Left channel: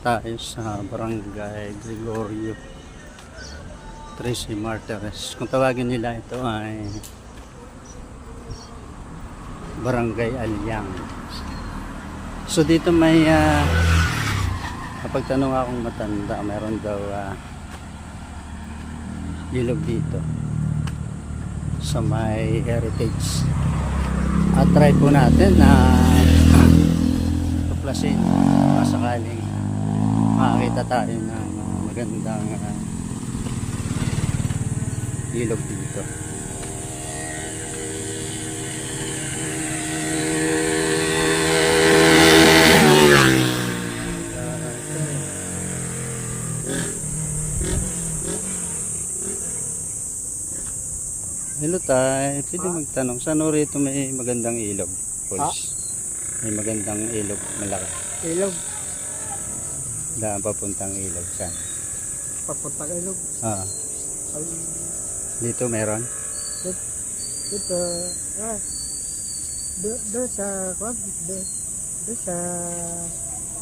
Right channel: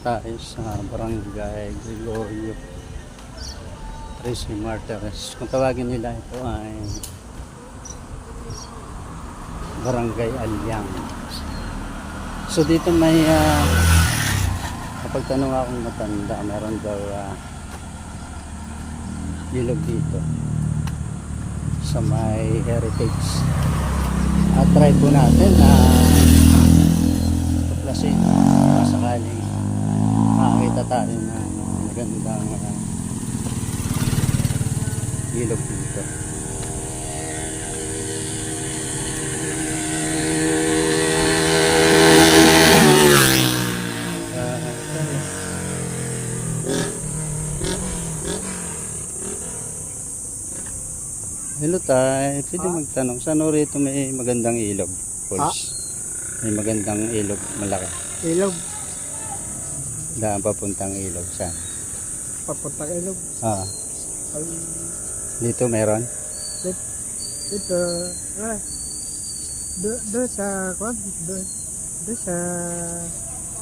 Tayo sa Barangay Gregorio Tracy Martires. Kung tawagin nila ito ay Barangay Alyang. So dito may ah, kapag tanong akong matanda, meron daw ah, ilog dito sa may heritage. At try po natin na tuklasin uh, sakaling makakita tayo ng magandang ah, ilog dito. Ah. Hello tay, pwede magtanong, saan rito may magandang ilog? Falls? May magandang ilog, malaki. Ilog, Daan papuntang ilog, saan? papuntang ilog. Ah, Ay, dito meron? dito, ah, do, do sa, kwan, do, do sa,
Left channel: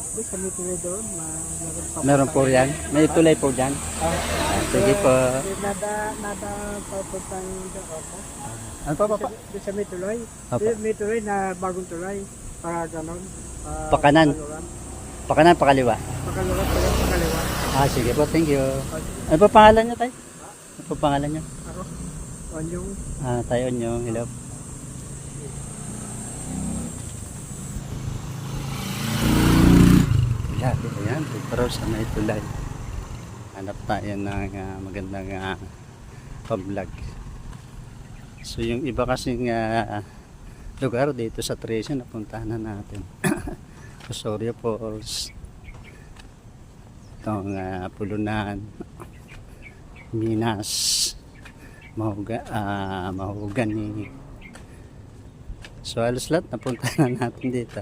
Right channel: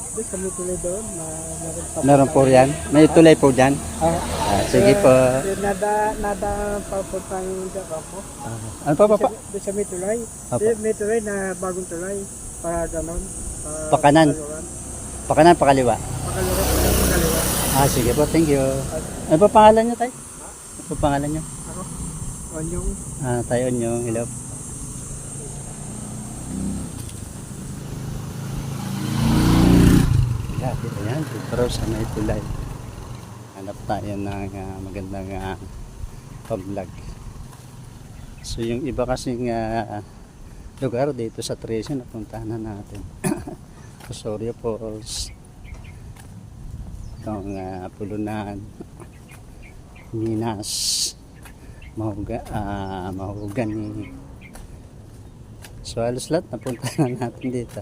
do sa may tuloy doon, ma, meron Meron po yan? May tulay po dyan? Ah, Ah, sige po. eh, nada, nada papuntang doon ako. Ah, ano pa pa pa? Do sa may tuloy. Apa. Do, may tuloy na bagong tuloy. Para ganon. Pa, Pakanan. Pakanan, pakaliwa. Pala, pakaliwa. Ah, sige po, thank you. Ano pa pangalan nyo tay? Ano pa pangalan nyo? Ako, onyong, Ah, tayo nyo, hello. Yeah, dito yan, dito sa may tulay. Hanap tayo ng ah, magandang uh, pag-vlog. So yung iba kasing ah, lugar dito sa Tracy napuntahan na natin. Osorio Falls. Itong ah, Pulunan. Minas. Mahuga, ah, mahugani. So halos lahat napunta na natin dito.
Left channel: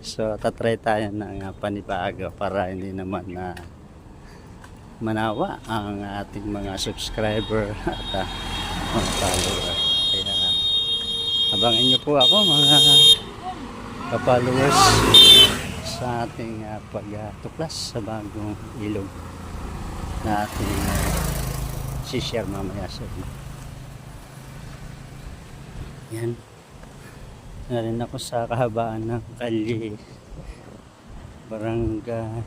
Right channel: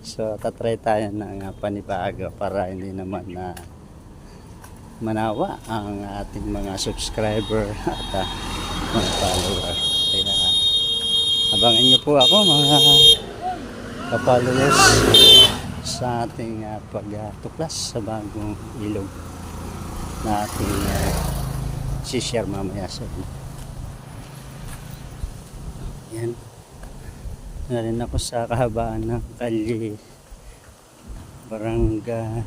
So tatry tayo ng uh, panibago para hindi naman na manawa ang ating mga subscriber at ah, mga follower. Kaya abangan nyo po ako mga ka-followers sa ating uh, pagtuklas sa bagong ilog na ating uh, share mamaya sa inyo. Yan. Na rin ako sa kahabaan ng kalye Barangay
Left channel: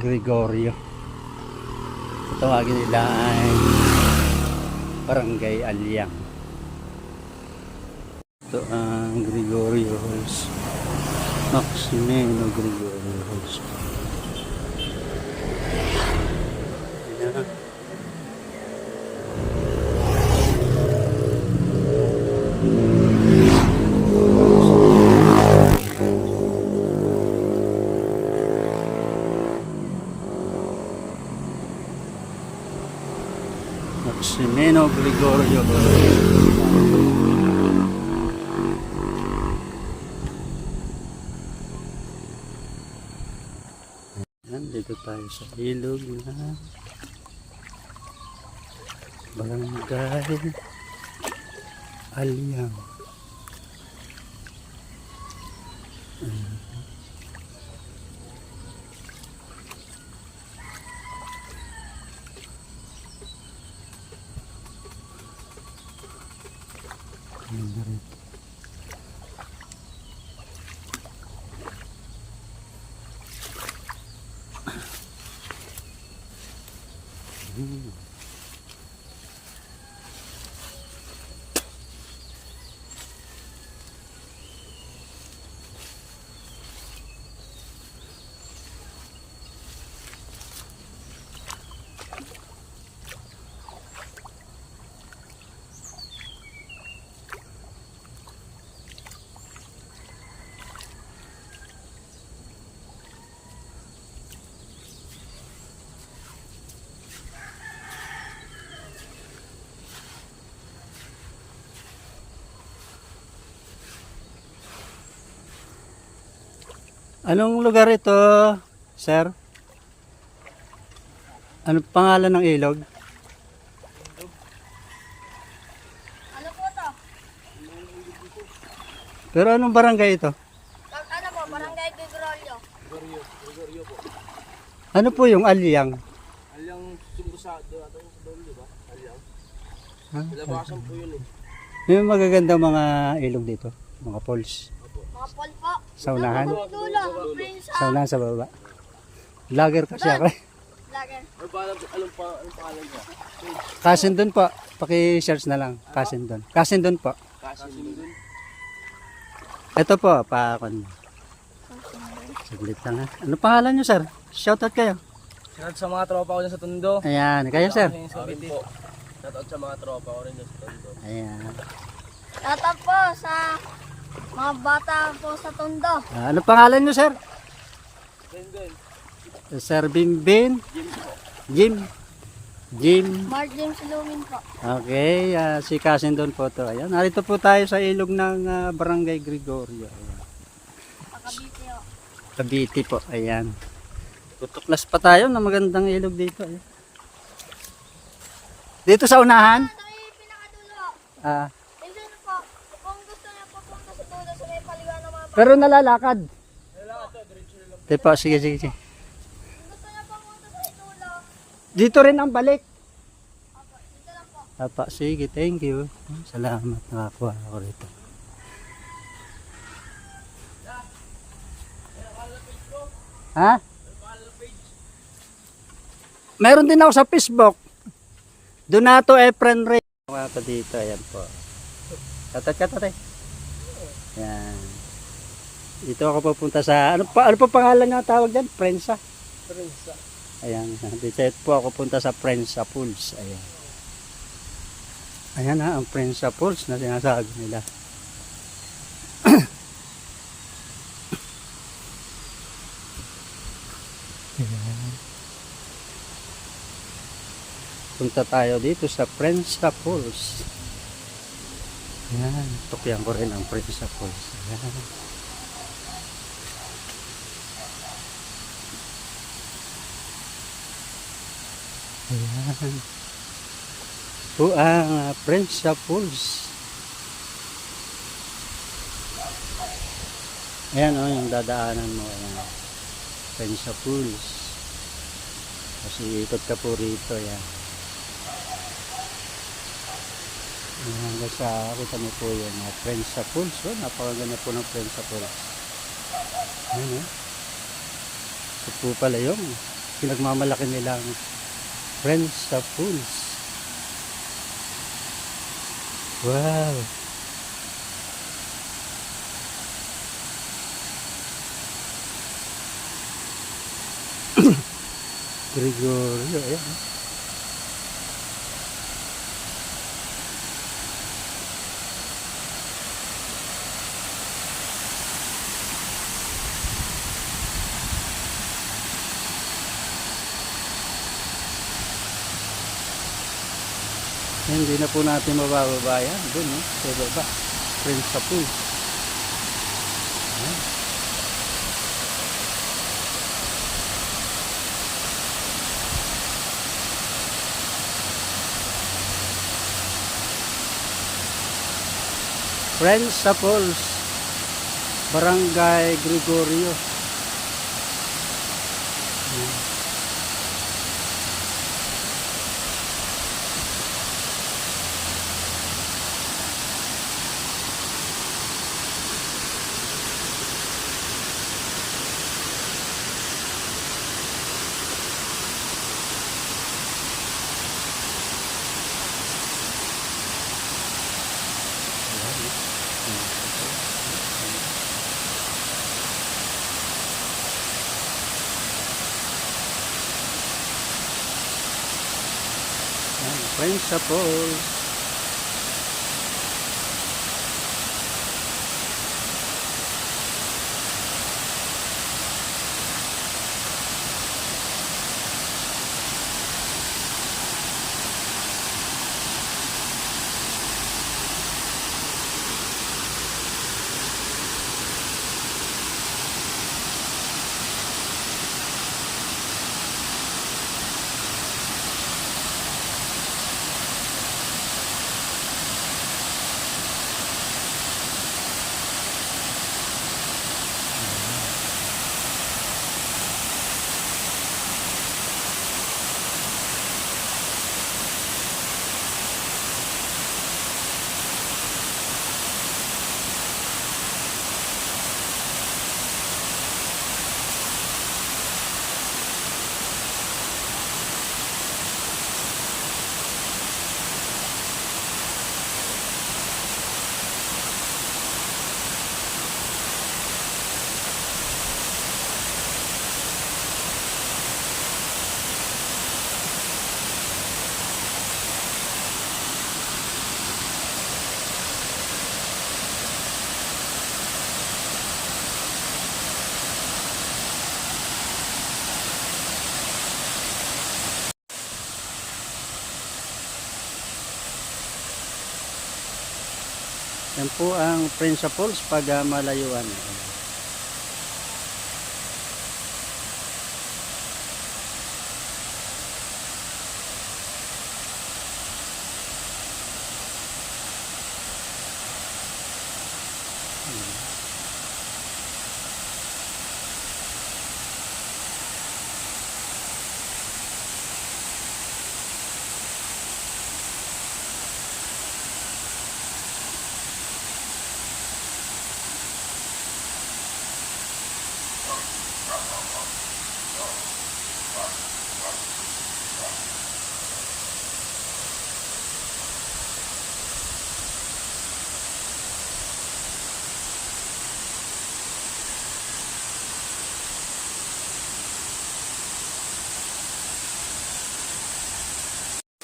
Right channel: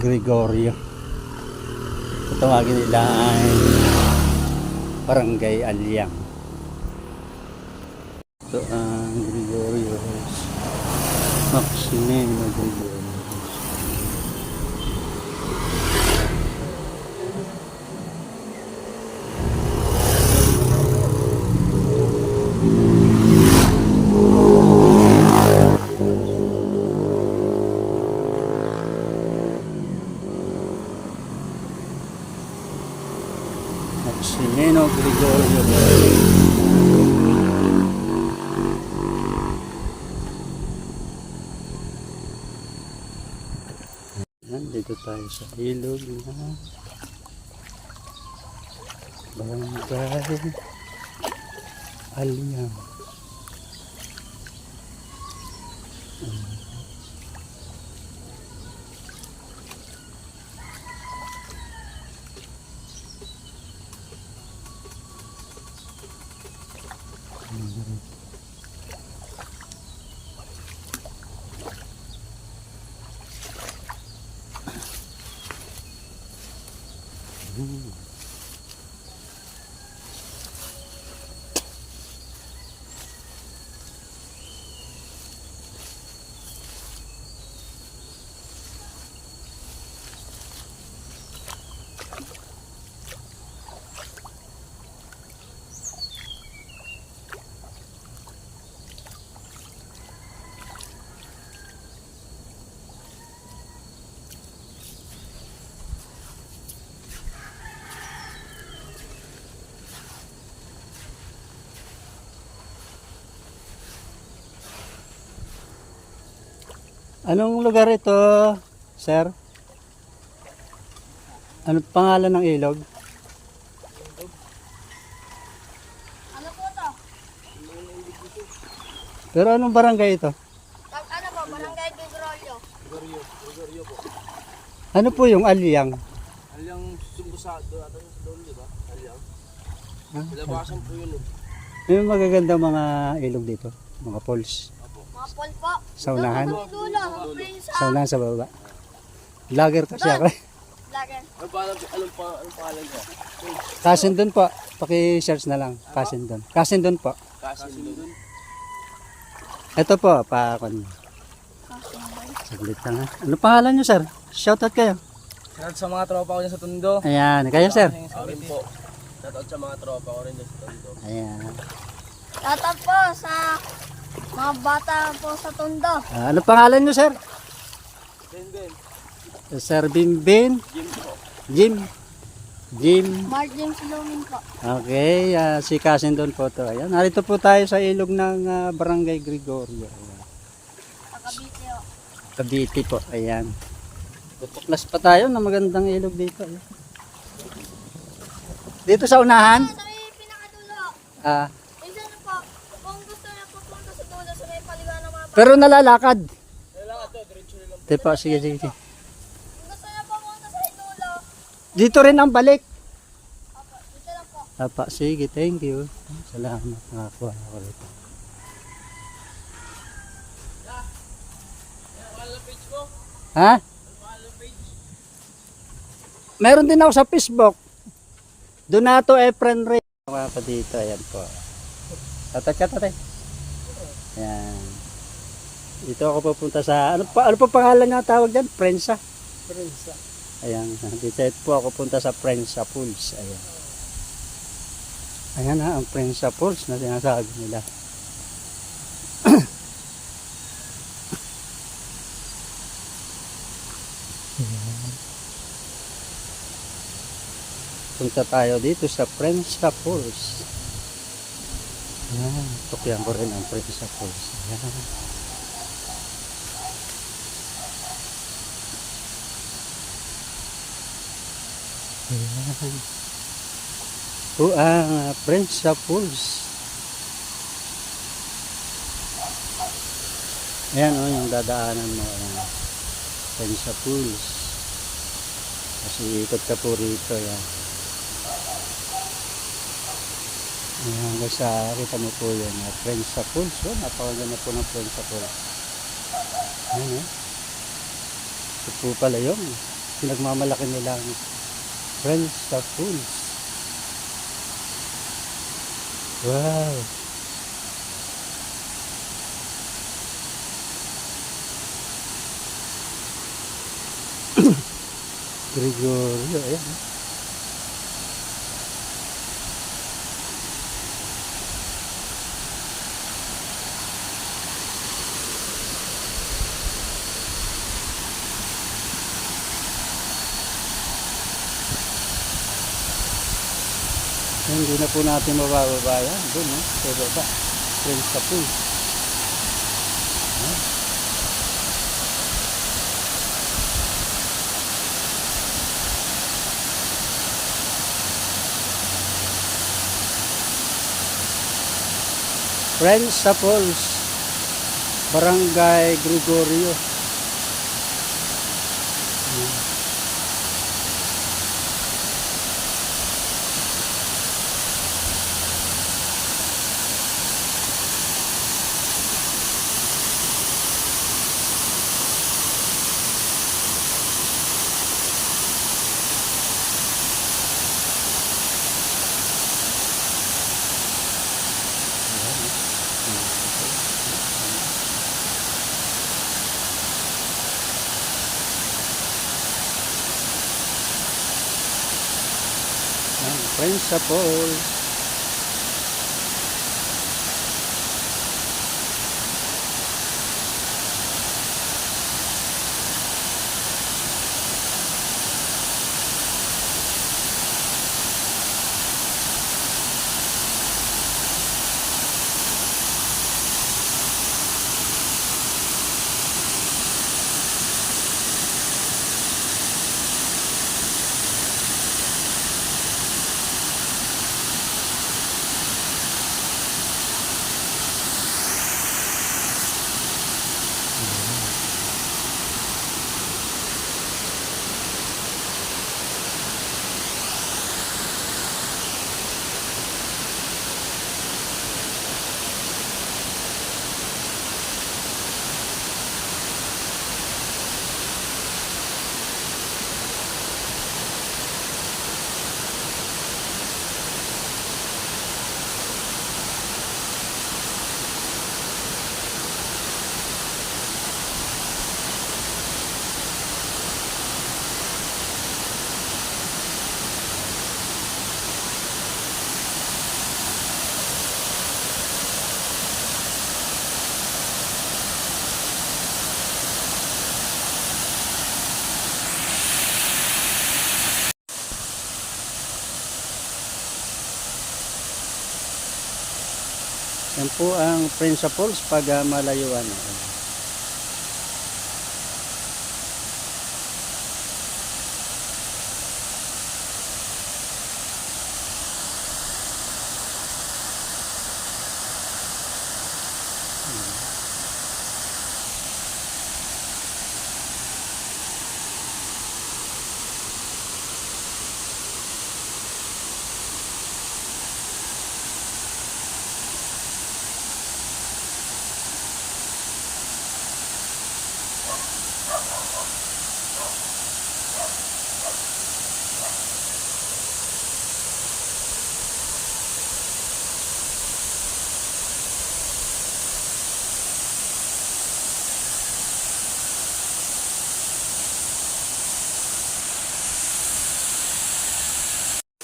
Gregorio. Tawagin nila ay Barangay Alyang. Ito ang Gregorio's Maximeno Gregorio's. Ayan. Maximeno Gregorio. Yan, dito tayo sa ilog na Barangay Aliyang. Anong lugar ito, sir? Ano pangalan ng ilog? Ano po to? Pero anong barangay ito? Ano po, barangay Bigorolyo. Gregorio po. Ano po yung alyang? Alyang sumbo sa doon di ba? Alyang. Ha? Labasan po yun eh. Yung magaganda mga ilog dito, mga falls. Sa unahan, sa unahan sa baba. Vlogger kasi ako. eh. Lager. Kasin doon po. Paki-search na lang. Kasin doon. Kasin doon po. Ito po, pa Saglit lang ha. Ano pangalan nyo sir? Shoutout kayo. Shout sa mga tropa ko dyan sa Tondo. Ayan, kayo sir. Ako rin po. Shout out sa mga tropa ko rin dyan sa Tondo. Ayan. Tatap po sa mga bata po sa Tondo. Ah, ano pangalan nyo sir? Ben Ben. Sir Bimbin? Yun po. Jim? Jim? Mark James Lumin po. Okay, ah, si Kasin doon po to. Ayan, narito po tayo sa ilog ng ah, Barangay Gregorio. Ayan. Pakabiti po. Cavite po. Ayan. Tutuklas pa tayo na magandang ilog dito. Ayan. Dito sa unahan? Sa may pinakadulo. Ah, Minsan po, kung gusto niya papunta sa dulo, sa may paliwan ng mga pero nalalakad. Ito po, sige, sige, sige. Dito rin ang balik. opo, dito lang po. Apa, sige, thank you. Salamat, nakakuha ako rito. Ha? Meron din ako sa Facebook. Donato Efren Ray. Mga pa dito, ayan po. Tatat ka, tatay. Ayan. Dito ako pupunta sa, ano pa, ano pa pangalan nga tawag dyan? Prensa. Prinsa. Ayan, dito po ako punta sa Prensa Pools. Ayan. Ayan na ang Prensa Pools na sinasabi nila. Punta tayo dito sa Prensa Pools. Ayan, tukyan ko rin ang Prensa Pools. Ayan. Ayan. Po ang uh. Ayan o, yung dadaanan mo. Ayan. Prensa Pools. Kasi ikot ka po rito. Ayan. Ayan, hanggang sa kita mo po yun. Uh, Prensa Pools. Oh, napakaganda po ng Prensa Pools. Ayan o. Ito po pala yung pinagmamalaki nilang Friends sa Fools. Wow. Gregorio, ayan. Oh. Hindi na po natin mabababa yan. Doon, no? Sa baba. Friends pool. Ayan. Friends sa Falls. Barangay Gregorio. Ayan. Ayan, Friends Yan po ang principles pag ah, malayuan.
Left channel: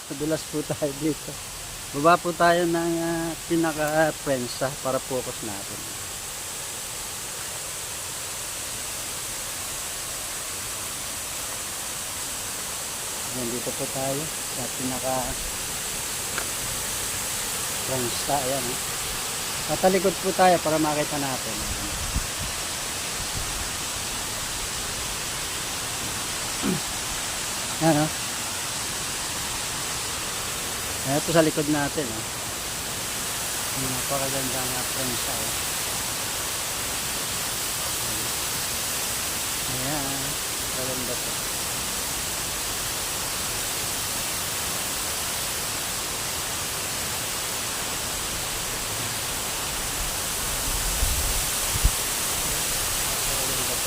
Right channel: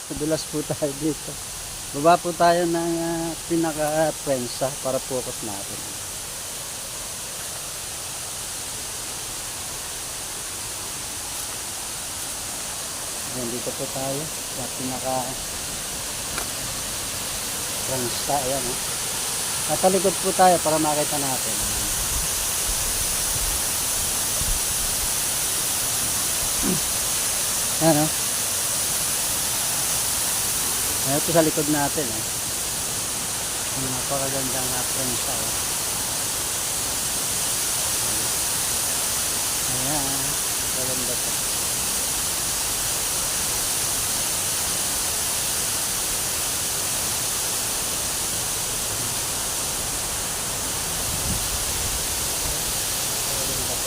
Madulas po tayo dito. Baba po tayo ng uh, pinaka-prensa para focus natin. Dito po tayo sa pinaka prensa. Ayan, ha. Natalikod po tayo para makita natin. Ayan. Ayan, oh. Ayan po sa likod natin. Oh. Ang napakaganda nga friends. Oh. Ayan. Maganda po. Maganda po.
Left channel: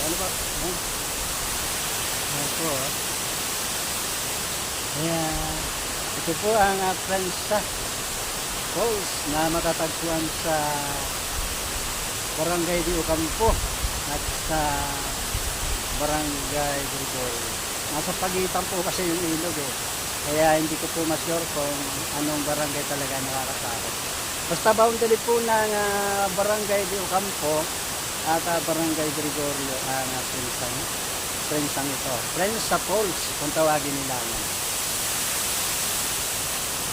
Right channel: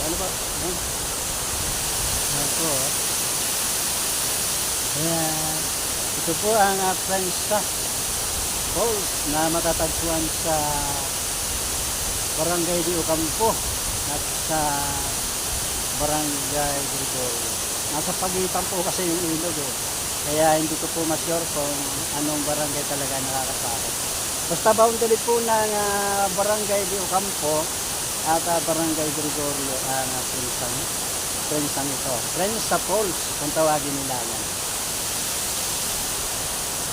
Ano ba? Ayan. Po. Oh. Ayan. Ito po ang uh, Prensa Falls na matatagpuan sa Barangay di Ocampo at sa Barangay Gregorio. Nasa pagitan po kasi yung ilog eh. Kaya hindi ko po ma-sure kung anong barangay talaga nakakasakot. Basta boundary po ng ah, Barangay di Ocampo at ah, Barangay Gregorio uh, Prensang, Prensang ito. Prensa Falls kung tawagin nila yan.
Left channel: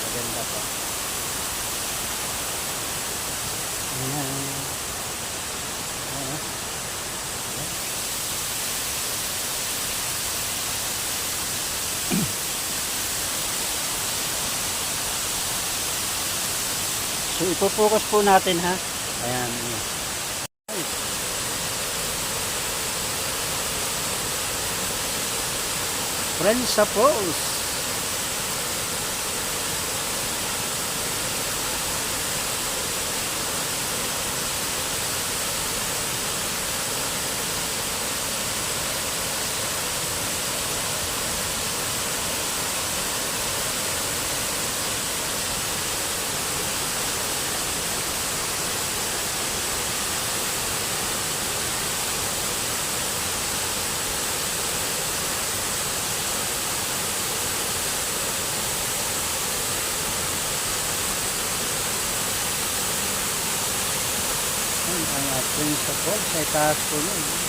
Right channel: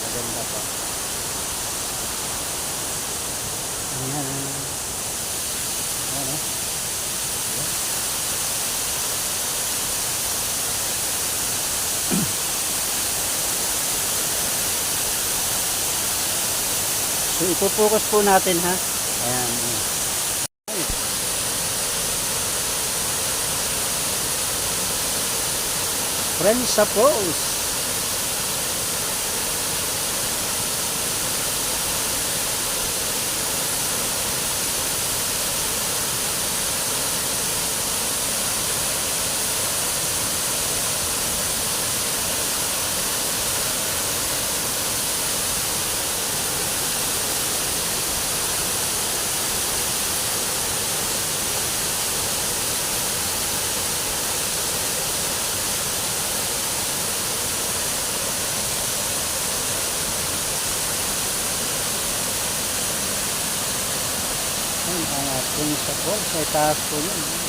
Maganda po. Ayan. So ipo-focus po natin ha. Ayan. Friends sa Falls. Ayan, ang of Falls sa itaas po niyan.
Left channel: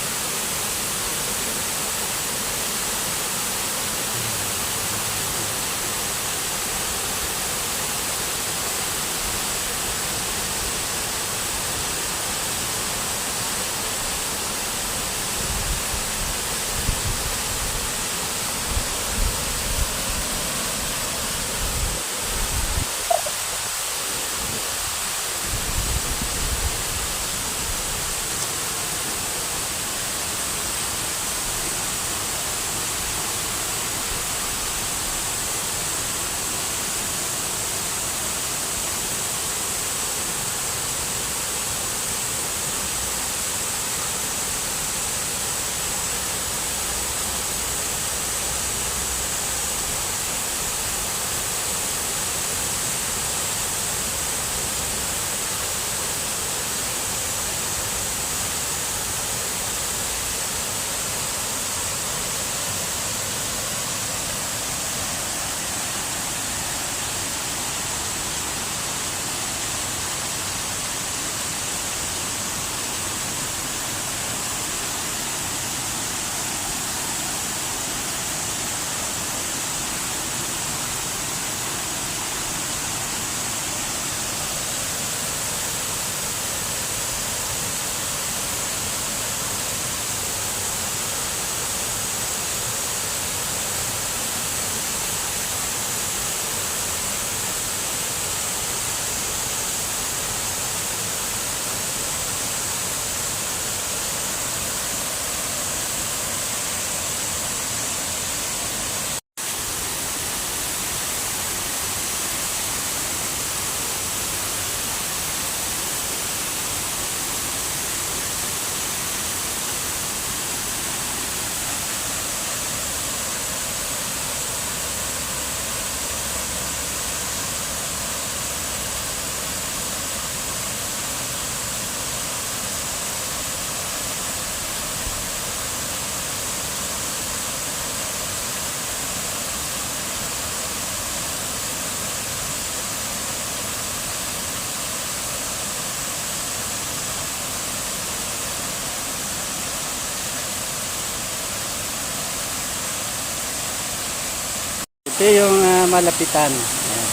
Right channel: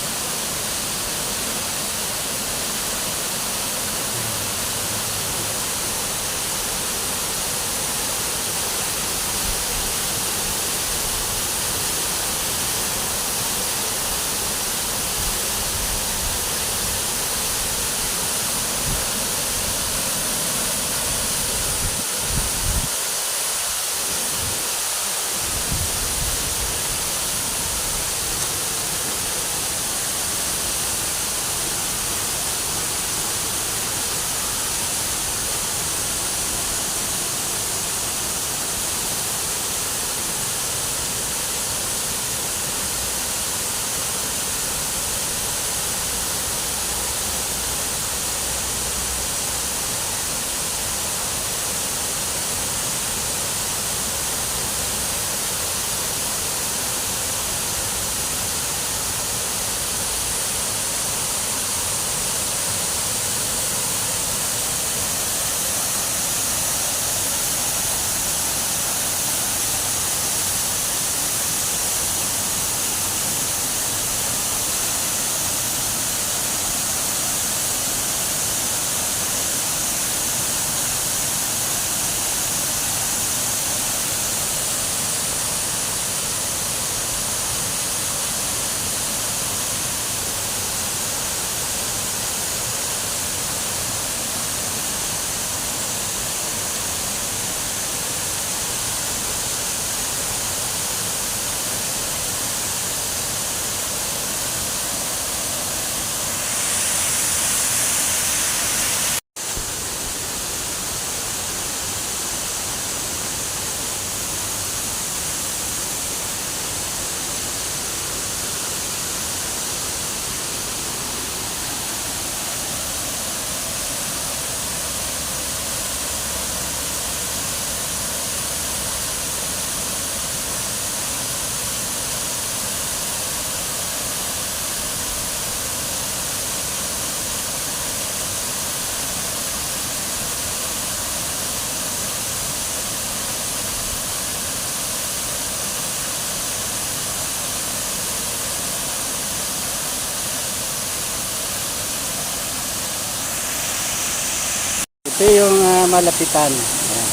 Ito yung ah, malapitan. Ayan.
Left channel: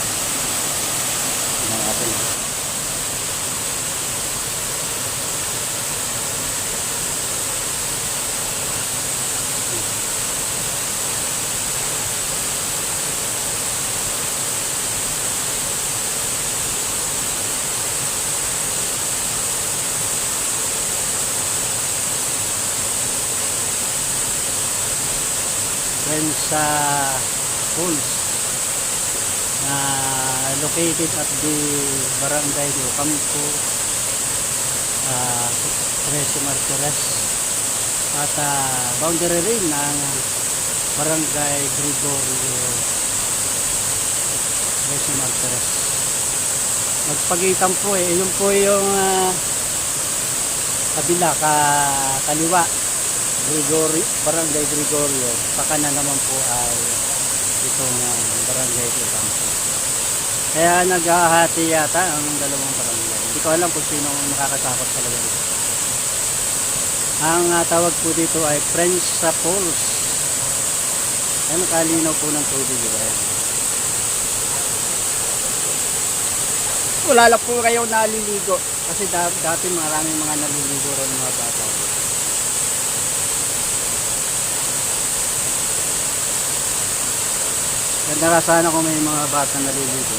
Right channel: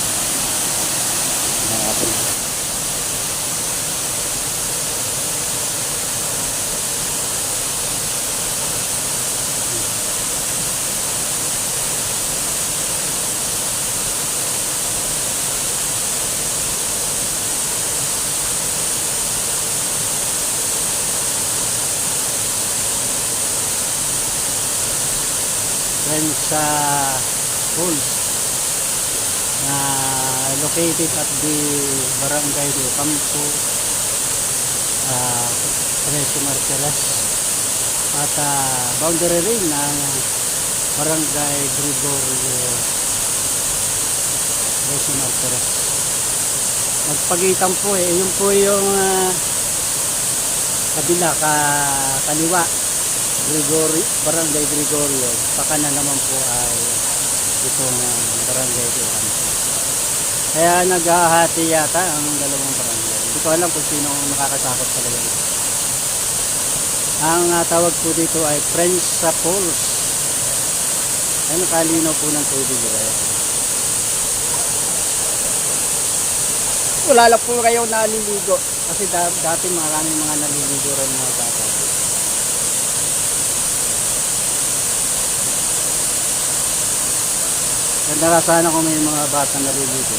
Tingnan natin. Sa Falls na located at the Barangay de Ocampo uh, Trece Martires. At ah, boundary rin ng Barangay Gregorio Trece Martires. Magpagitan po eh. Yun po yung ah, kabila ka, kaliwa. Gregorio, Barangay Gregorio. Pakanan naman po ay itong ah, Barangay de Ocampo kaya naghahati yata ang dalawang barangay. Hindi ko alam kung sino ang nakakatakot talaga dito. Ang ah, tawag po dito ay Friends sa Falls. Ay nakalinaw po ng tubig. Diba? Wala lang po kayo naliligo. Kasi da- dati maraming mga naliligo ron mga bata. Ganda ka sana kung may mga bata naliligo.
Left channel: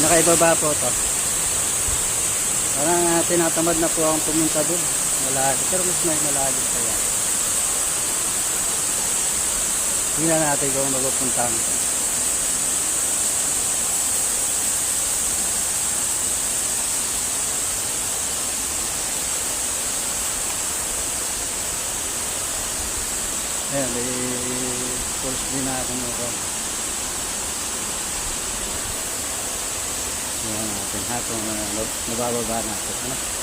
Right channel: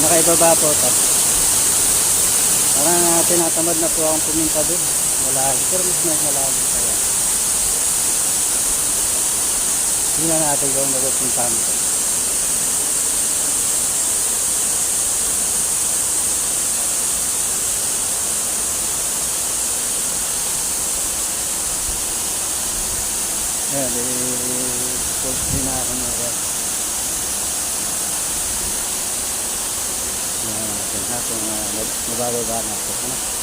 Pinakaibaba po ito. Parang uh, tinatamad na po akong pumunta doon. Malalim. Pero mas may malalim kaya. Tingnan natin kung mapupuntahan ko. Ayan, may pulse din na ako ngayon. Yan natin ha kung uh, mabababa natin. Ano?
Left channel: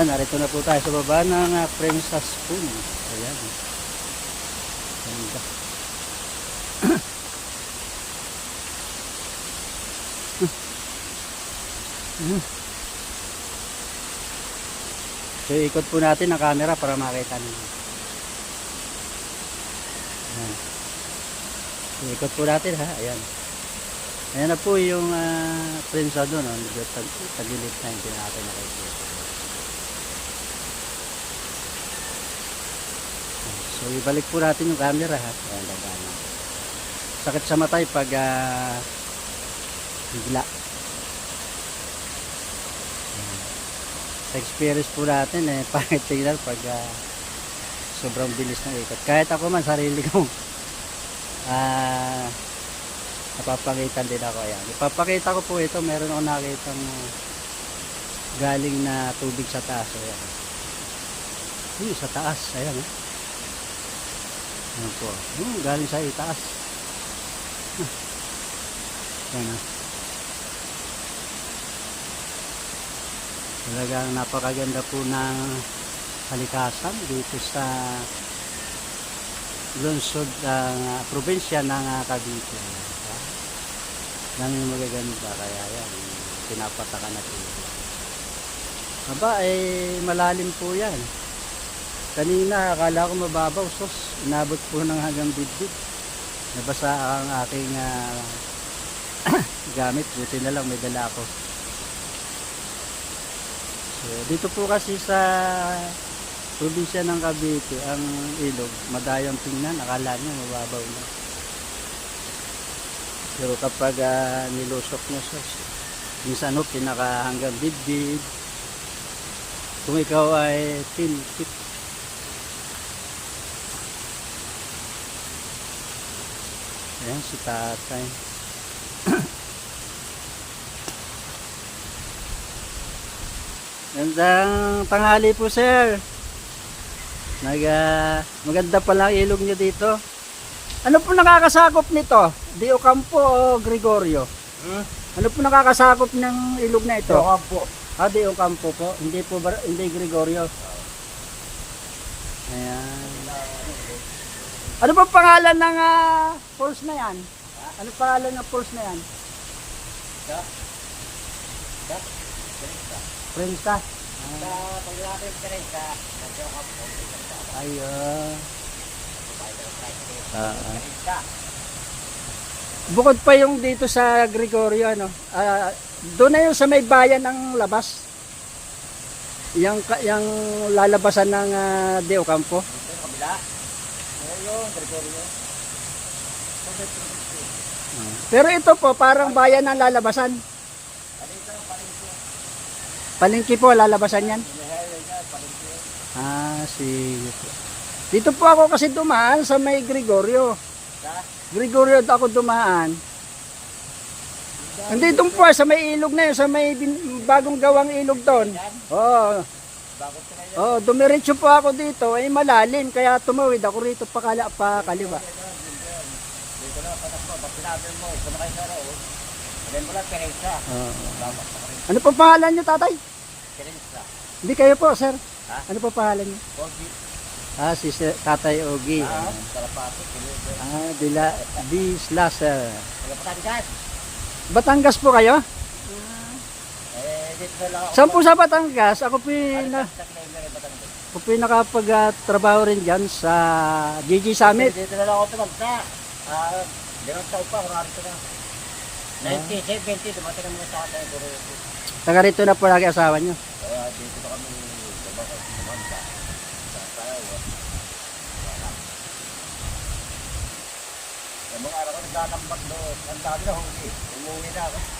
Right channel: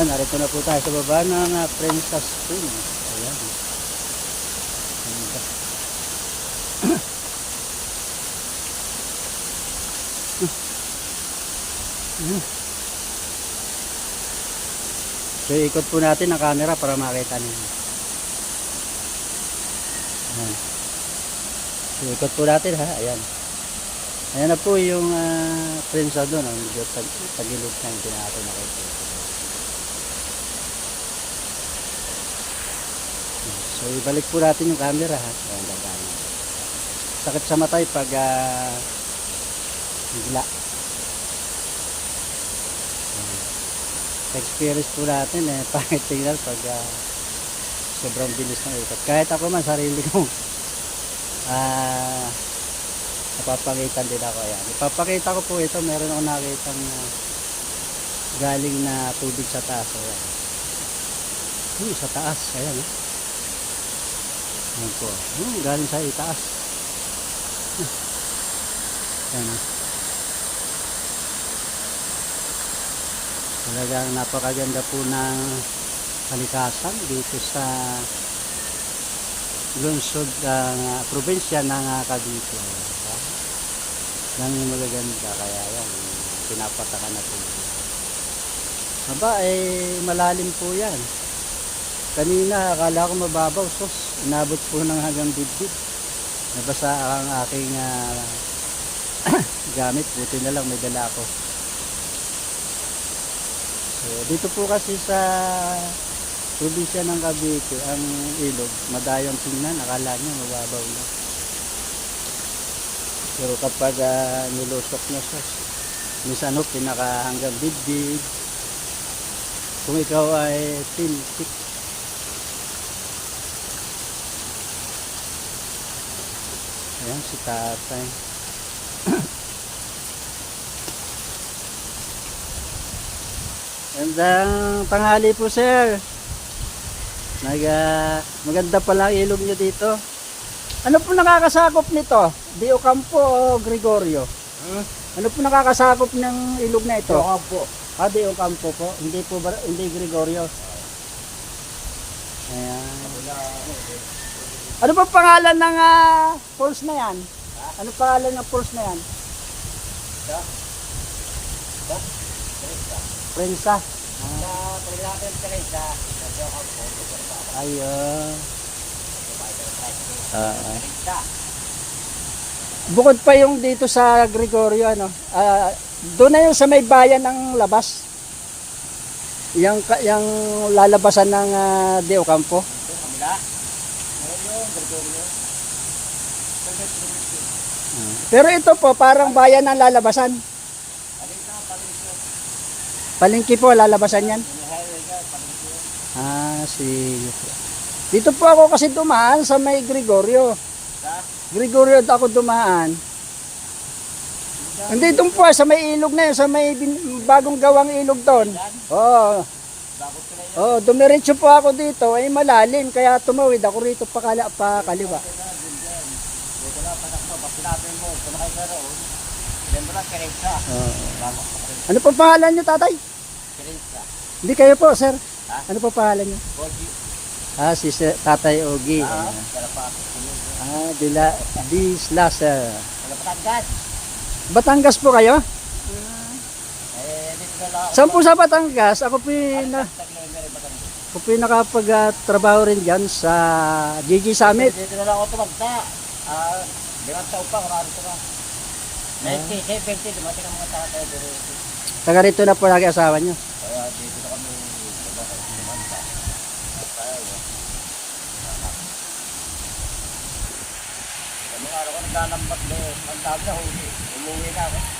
Ah, narito na po tayo sa baba ng uh, Princess Pool. Ayan. Ganda. Hmm. So ikot po natin ang camera para makita ninyo. Ayan. So, ikot po natin ha. Ayan. Ayan na po yung uh, prinsa doon. Oh. Medyo tag na hindi natin nakikita. So ibalik po natin yung camera ha. Ayan, dagaan. Sakit sa matay pag uh, bigla. Sa experience po natin eh, pangit tingnan pag ah, sobrang bilis ng ikot. Kahit ako man, sarili kong ah, napapangitan din ako. Ayan. Ipapakita ko po ito. Meron ako nakitang ah, galing na tubig sa taas. Ayan. Hmm, sa taas. Ayan. Oh. Ayan po. Hmm, galing sa itaas. Ayan. Oh. Talagang napakaganda po ng kalikasan dito sa lungsod ng uh, probinsya ng uh, Cavite. Diba? Lang yung magaganda kaya yan, pinapataka na po. Aba, eh, malalim po yan. Kanina, akala ko mababaw, sos, inabot po ng hanggang dibdib. Nabasa ang aking ah, gamit, buti na lang may dala ako. So, dito po kasi sa probinsya ng Cavite, ang ilog, madayang tingnan, akala niya mababaw na. Pero kapag ah, nilusok niya sa minsan ho, pinaka hanggang dibdib, kung ikaw ay tin, Ayan, si tatay. Gandang tanghali po, sir. Nag, ah, maganda pala ang ilog nyo dito. Ano po nakakasakop nito? Di Ocampo o Gregorio? Hmm? Ano po nakakasakop ng ilog na ito? Yung po. Ah, di kampo po. Hindi po, hindi Gregorio. Ayan. Ano ba pangalan ng ah, falls na yan? Ano pangalan ng falls na yan? Prensa. Ayun. Ah, ah. Bukod pa yung dito sa Gregorio, ano? Ah, doon na yung sa may bayan ng labas. Yung, ka- yung lalabasan ng uh, Deo Campo. Yung kabila. Pero ito po, parang bayan ng lalabasan. Palengke po, lalabasan yan. Ah, sige po. Dito po ako kasi dumaan sa may Gregorio. Gregorio ako dumaan. Hindi doon po, sa may ilog na yun, sa may bagong gawang ilog doon. Oo, yan. Oh, dumiretso po ako dito, ay malalim, kaya tumawid ako rito pa, kala, pa kaliwa. Dito na, patak. Ba't sinabi mo, sumakay sa road. Then mo lang, Perenza. Oo. Tama, sa Perenza. Ano po pangalan niyo, tatay? Perenza. Hindi kayo po, sir. Ha? Ano po pangalan niyo? Pogi. Ah, si Sir- Tatay Ogi. Ah. Pinudo. Ah, Dila, Dis Laser. Kalapatan dyan. Batangas po kayo? Eh, dito na lang ako. Saan po sa Batangas? Ako po yung na, Sa Claimer, Batangas. ako po yung nakapag-trabaho rin dyan sa GG Summit. Dito na lang ako tumagta. Ah, limang taon pa, kurari ko na. 90, 70, dumating ang mga tatay. Taga rito na po lagi asawa niyo. kaya dito na kami tumagta. Mga araw ko naglalambak doon. Ang dami na huli. Umuwi na ako.